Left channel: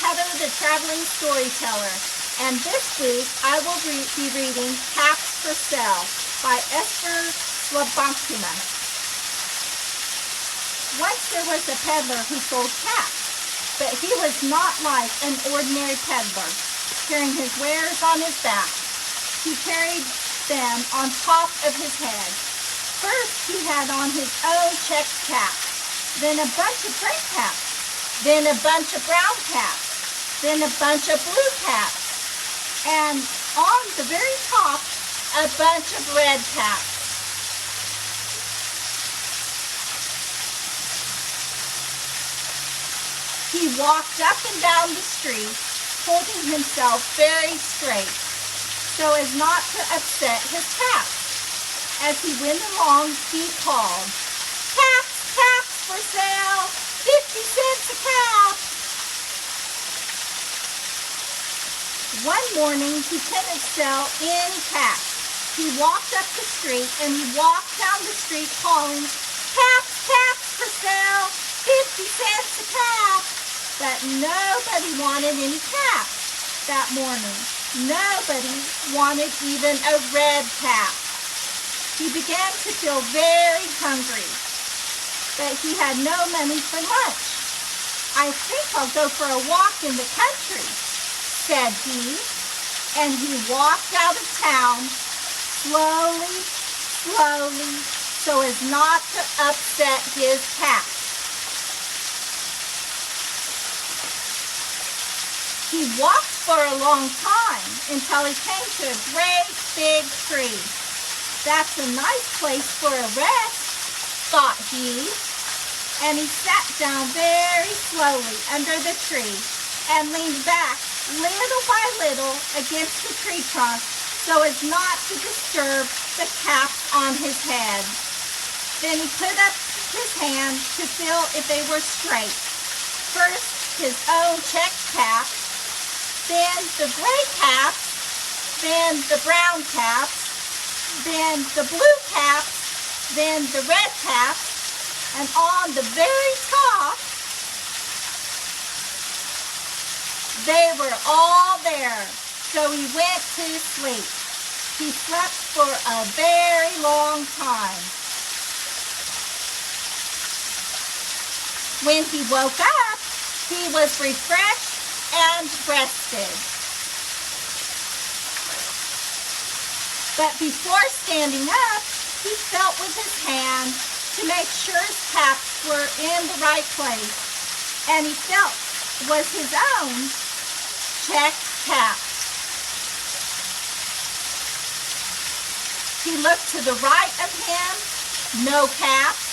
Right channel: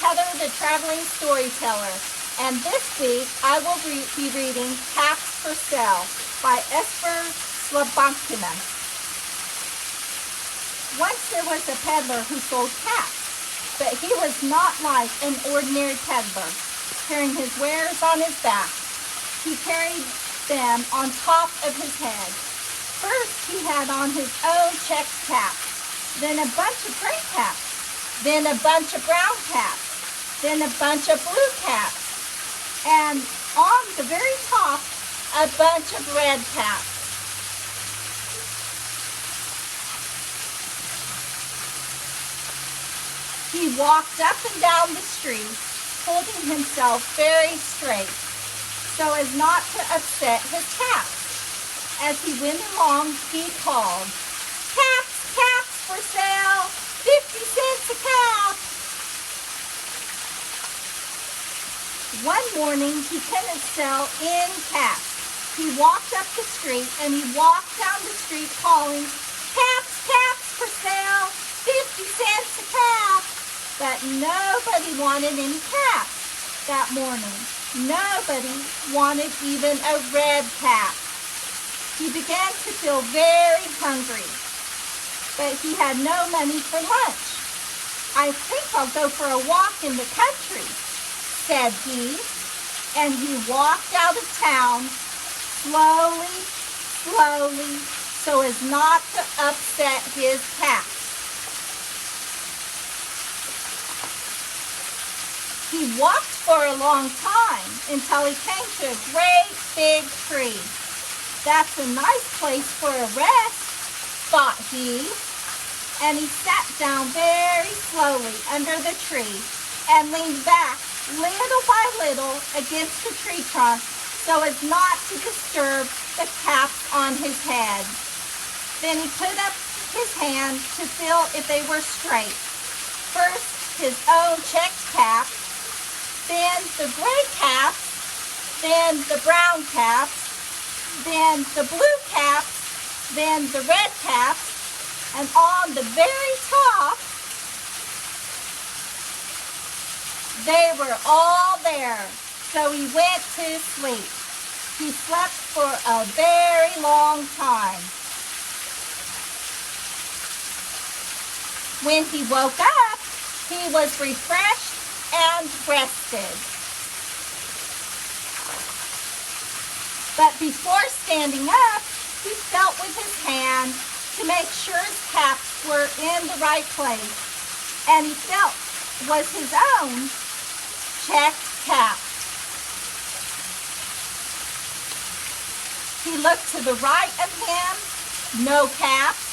Heather the Traveling Storyteller, and this week I will be reading Cats for Sale by Esphyr Slobodkina. Once there was a peddler who sold cats, but he was not like an ordinary peddler, carrying his wares on his back. He carried them on top of his head. First, he had on his own checked cap, then a bunch of gray caps, then a bunch of brown caps, then a bunch of blue caps, and on the very top, a bunch of red caps. He walked up and down the street, holding himself very straight, so as not to upset his cats. As he went along, he called, "Caps, caps for sale, 50 cents a cap." One morning, he couldn't sell any cats. He walked up the street and he walked down the street calling, "Caps, caps for sale, 50 cents a cap." But nobody wanted any caps that morning. Nobody wanted even a red cap. He began to feel very hungry, but he had no money for lunch. "I think I'll go for a walk in the country," said he, and he walked out of town slowly, slowly, so as not to upset his cats. He walked for a long time until he came to a great big tree. "That's a nice place for a rest," thought he, and he sat down very slowly under the tree and leaned back little by little against the tree trunk so as not to disturb the caps on his head. Then he put up his hand to feel if they were straight. First his own checked cap, then the gray caps, then the brown caps, then the blue caps, then the red caps, and on the very top, they were all there. So he went to sleep. He slept for a very long time. When he woke up, he was refreshed and rested. But before standing up, he felt with his hand to make sure his caps were in the right place, and he felt was his own checked cap. He looked to the right of him, no caps.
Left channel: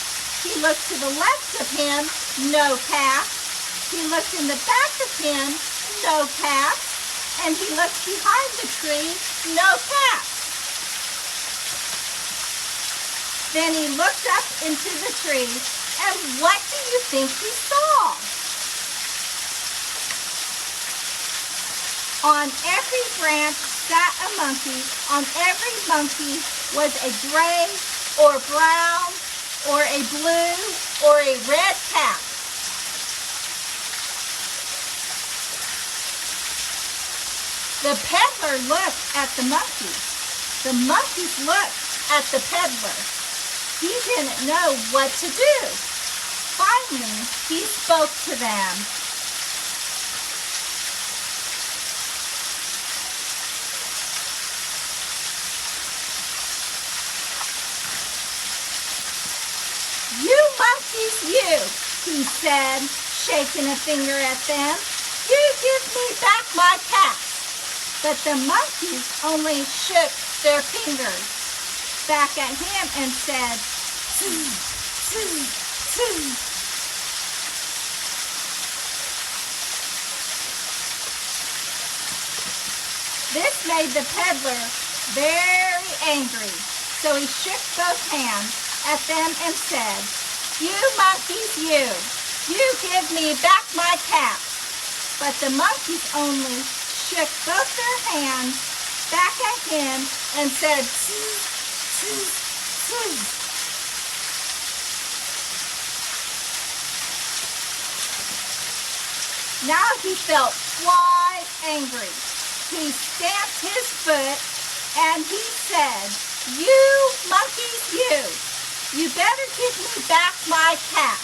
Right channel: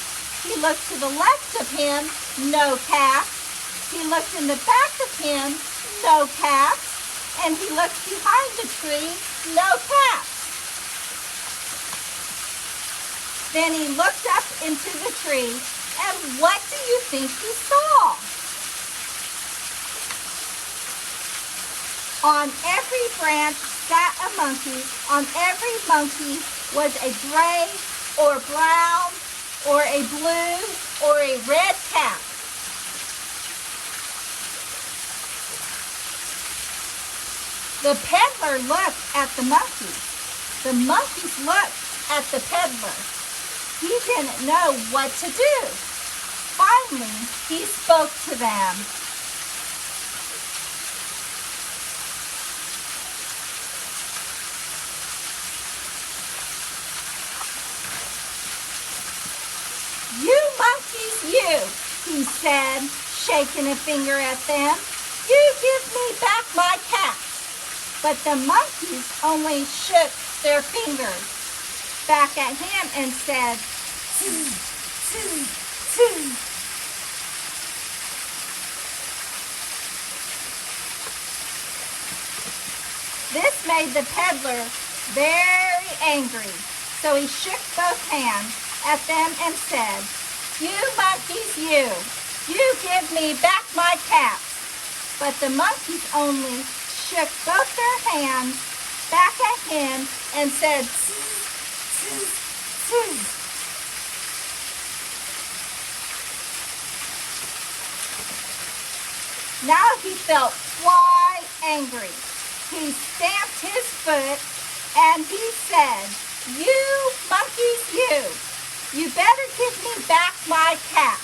He looked to the left of him, no caps. He looked in the back of him, no caps. And he looked behind the tree, no caps. Then he looked up into the tree, and what do you think he saw? On every branch sat a monkey. On every monkey was a gray or brown or a blue or a red cap. The peddler looked at the monkeys. The monkeys looked at the peddler. He didn't know what to do. Finally, he spoke to them. "You monkeys, you," he said, shaking a finger at them. "You give me back my caps." But the monkeys only shook their fingers back at him and said, "Tz, tz, tz." This made the peddler very angry, so he shook both hands at them and said, "You monkeys, you give me back my caps." But the monkeys only shook both their hands back at him and said, "Tz, tz, tz." Now he felt quite angry. He stamped his foot and he said, "You monkeys, you better give me back my cap."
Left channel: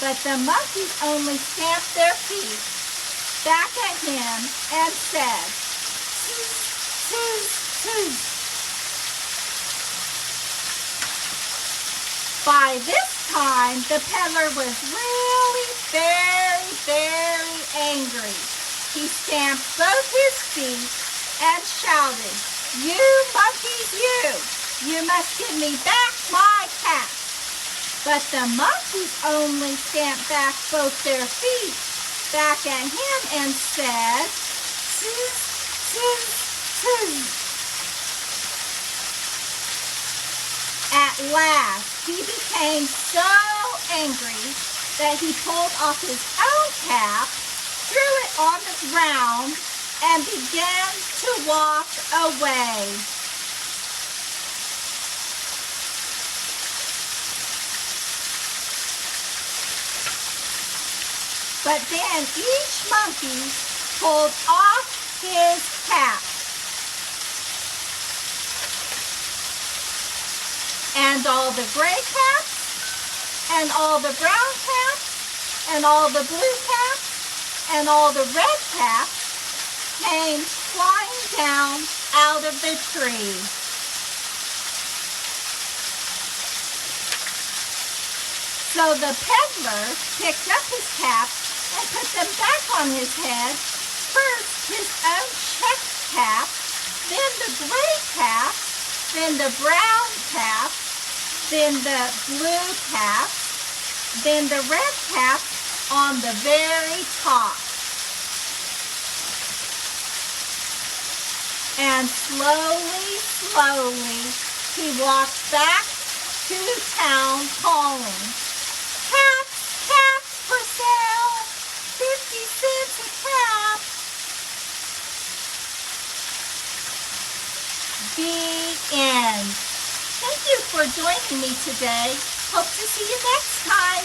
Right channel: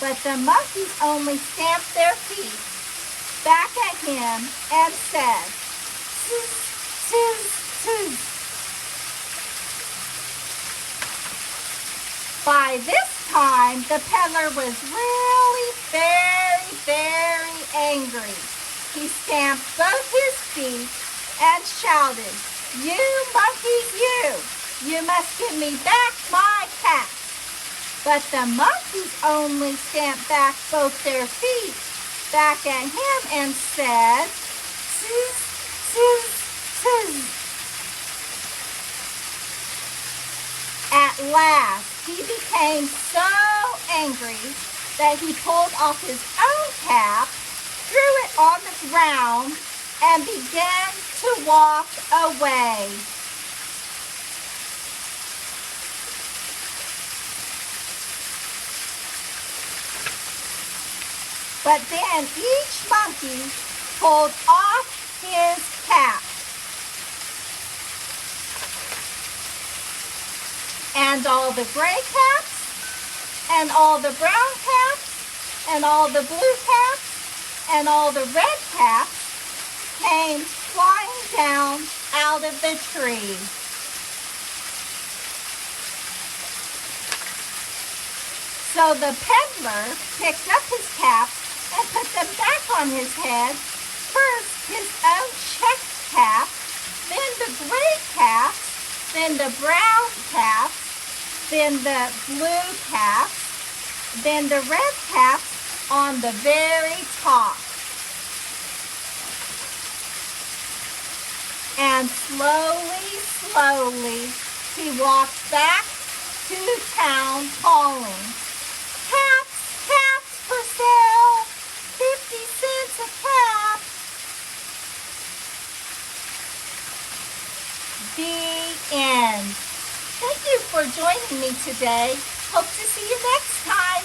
But the monkeys only stamped their feet back at him and said, "Zzz, zzz, zzz." By this time, the peddler was really very, very angry. He stamped both his feet and shouted, "You monkeys, you must give me back my cap." But the monkeys only stamped back both their feet back at him and said, "Zzz, zzz, zzz." At last, he became so angry that he pulled off his own cap, threw it on the ground, and began to walk away. But then each monkey pulled off his cap. And all the gray caps, and all the brown caps, and all the blue caps, and all the red caps came flying down out of the tree. So the peddler picked up his caps and put them back on his head. First his own checked cap, then the gray cap, then the brown cap, then the blue cap, then the red cap on the very top. And slowly, slowly, he walked back to town calling, "Caps, caps for sale, 50 cents a cap." The end. Thank you for joining me today. Hope to see you next time.